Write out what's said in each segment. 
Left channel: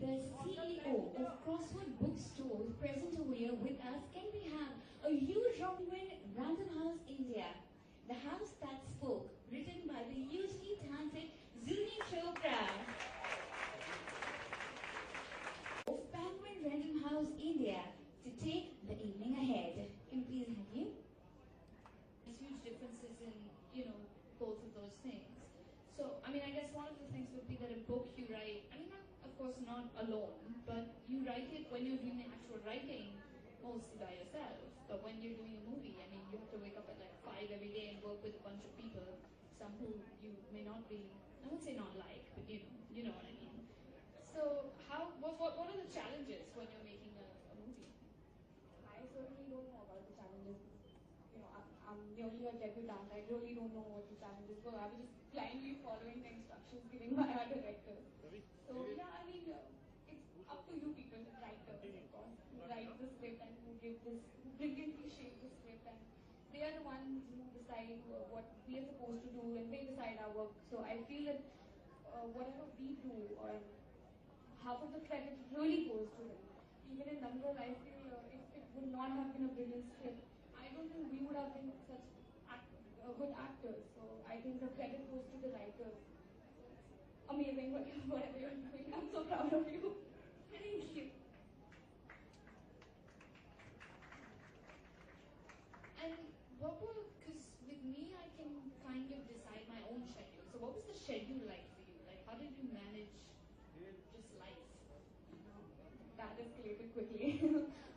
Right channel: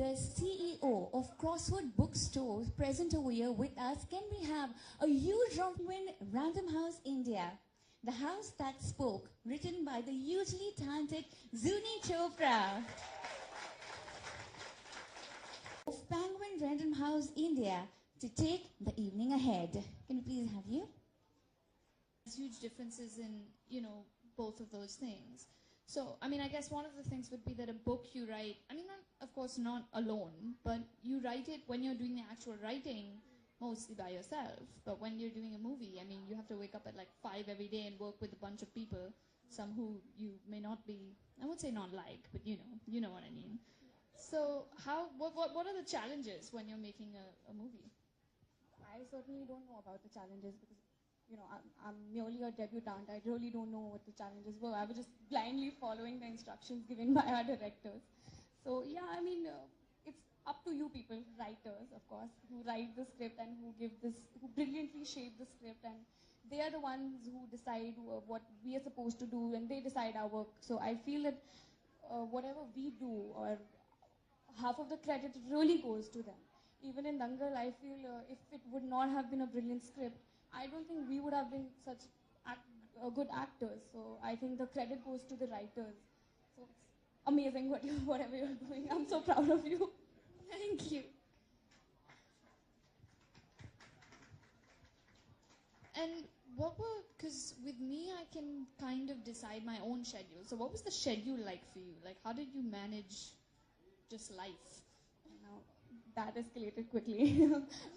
the CEO of Crossword Bookstores present over here with us. Can we have a huge round in Random House India? The House That Spoke, written by the hugely talented Zuni Chopra. Of Penguin Random House India to take the evening ahead. Can we please have you? There's huge differences in, both of those things. So, I guess one of the things would be that a book you write, of course not alone, but you write it when you're doing the actual writing, mostly by yourself. But when you're doing a movie, you have to wake up at like 5 every day and work with a bunch of people, some who you may not be, I would say not like, but you know what I mean. So, what are the challenges when you're making a movie? I certainly don't know about the challenges. I'm merely a debutante. I really don't know what the challenges were. I was just blindly following the instructions given by our directors. So yeah, it's up to you people, writers, of course, who write the script and who brilliantly shape the script, and they are the ones who decide what we are supposed to do, and they decide our work. So I feel that whatever we do, or half of the credit really goes to them. Even in Dangal, I feel if it would not have been a brilliant script, I don't think we would have been such good actors. So I think the credit goes to the writers. So it's amazing whatever you're doing. I'm so proud of you. Thank you. And because with me I can kind of decide my own schedule. So what was the schedule like for you? Like how did you manage just life? That escalated quickly.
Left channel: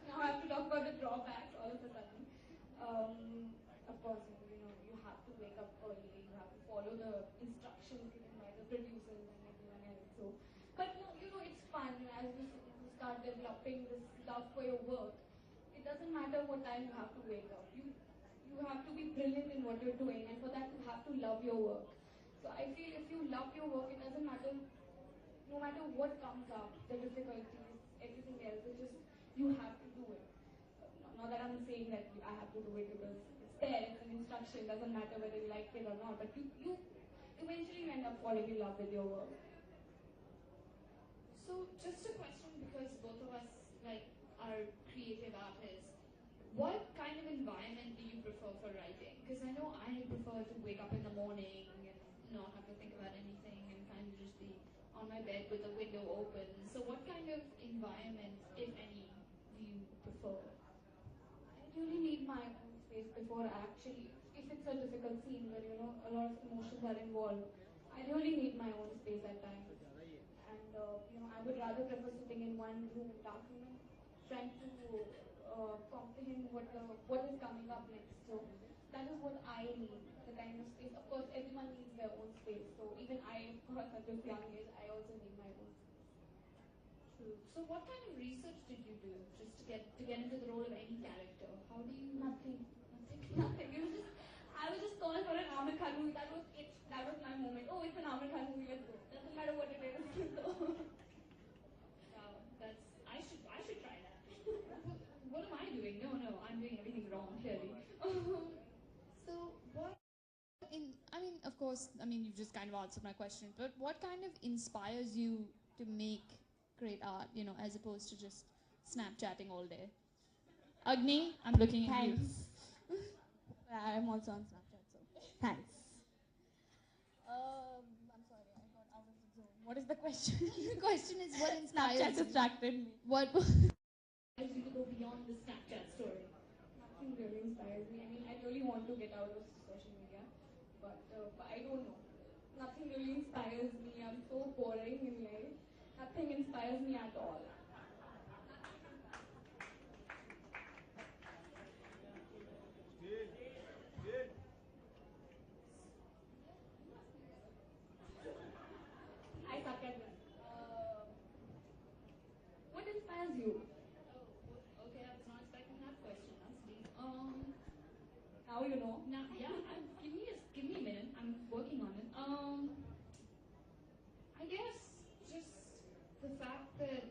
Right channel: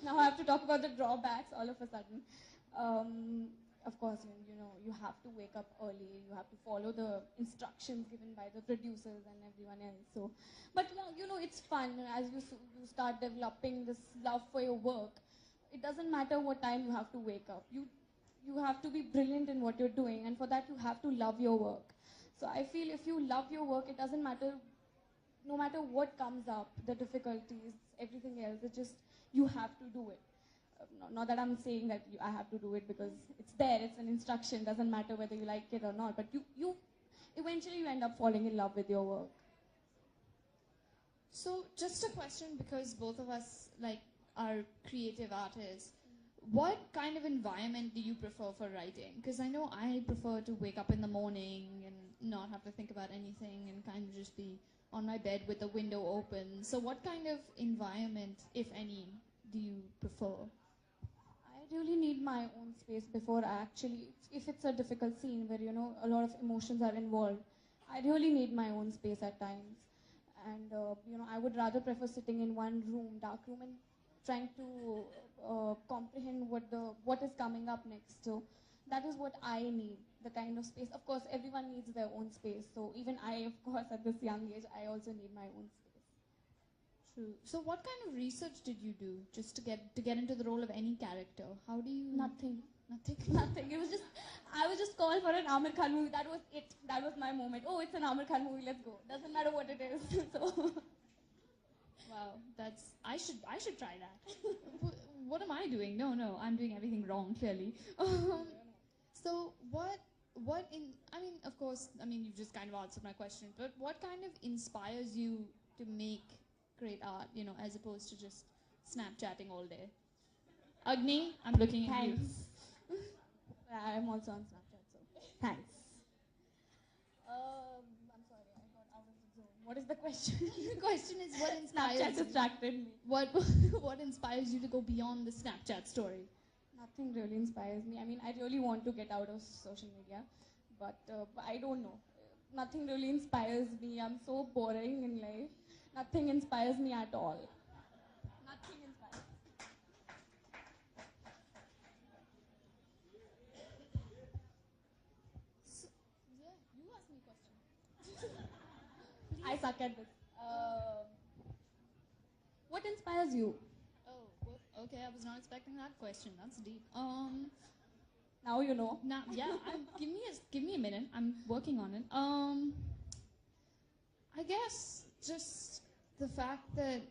Now I have to talk about the drawbacks all of a sudden. Of course, you have to wake up early. You have to follow the instructions given by the producers and everyone else. So, but it's fun as you start developing this love for your work. It doesn't matter what time you have to wake up. You have to be brilliant in what you're doing, and for that you have to love your work. So I feel if you love your work, it doesn't matter. No matter what comes up, the difficulties, everything else, it's just, you have to do it. Not that I'm saying that I have to do it because it's there, it's an instruction, doesn't matter whether you like it or not, but you eventually you end up falling in love with your work. So just a question, because both of us are creative artists. What kind of environment do you prefer for writing? Because I know I prefer to wake up in the morning and not have to think about anything and kind of just be on my bed with the window open. So what kind of environment, if any, do you prefer? I really need my own space before I actually, if it's a difficult scene where, a lot of emotions are involved, I really need my own space at times. And, I would rather prefer sitting in one room, dark room, and trying to comprehend what is coming up next. So that is what I need, the kind of space. Of course, everyone needs their own space. So even I, of course, at this young age, I also need my own space. True. So what kind of research did you do just to get into the role of any character? How do you... Nothing. Nothing. It was just, I was just called for an Amir Khan movie. That was it. That was my moment. Oh, it's an Amir Khan movie. Let's go. Doesn't matter what it is. So. Wow, I should try that. What am I doing? No, I'm doing everything wrong, clearly. So of course, you've just kind of answered my question, but what kind of inspires you to make great art, as opposed to just Snapchatting all day? Agni, I'm looking at you. Thanks. I'm also on Snapchat, so thanks. I'm sorry, I got out of the zone. What is the question? The question is what inspires Snapchat distracted me. What inspires you to go beyond the Snapchat story? Nothing really inspires me. I really want to get out of social media, but I don't know. Nothing really inspires me. I'm so boring in life. Nothing inspires me at all. Nothing inspires me. I suck at this. What inspires you? Oh, okay. I was not expecting that question. That's deep. Now you know. Now, yeah. Give me a minute. I'm working on it. I guess just the fact that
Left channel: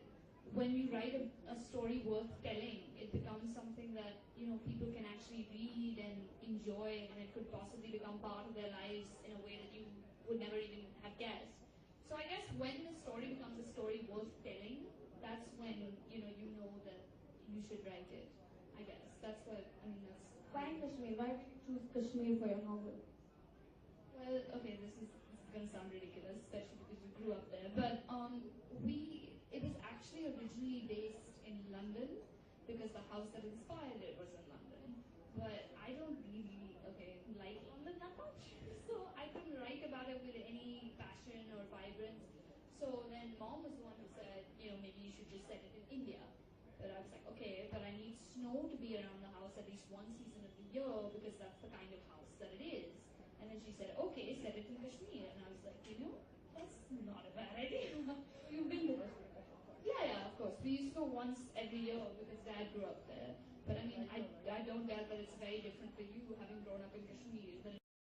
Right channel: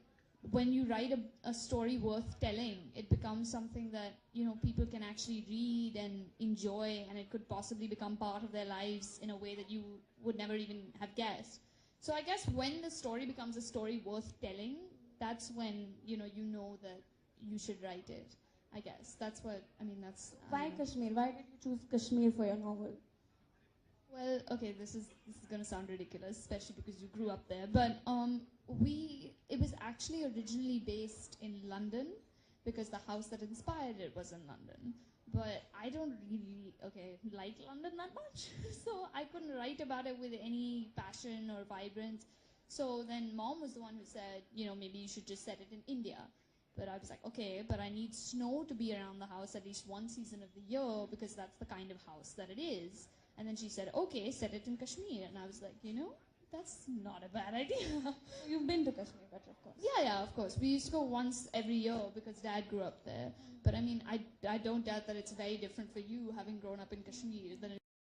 when you write a story worth telling, it becomes something that people can actually read and enjoy, and it could possibly become part of their lives in a way that you would never even have guessed. So I guess when the story becomes a story worth telling, that's when you know that you should write it. I guess that's what I mean. That's Why Kashmir? Why did you choose Kashmir for your novel? well, okay. This is gonna sound ridiculous, especially because you grew up there. But it was actually originally based in London because the house that inspired it was in London. But I don't really like London that much, so I couldn't write about it with any passion or vibrance. So then Mom was the one who said, maybe you should just set it in India. But I was like, okay, but I need snow to be around the house at least one season of the year because that's the kind of house that it is. And then she said, okay, set it in Kashmir. And I was like, that's not a bad idea. You've been to Kashmir, but of course. Yeah, of course. We used to go once every year because Dad grew up there. But I mean, I don't doubt that it's very different for you having grown up in Kashmir than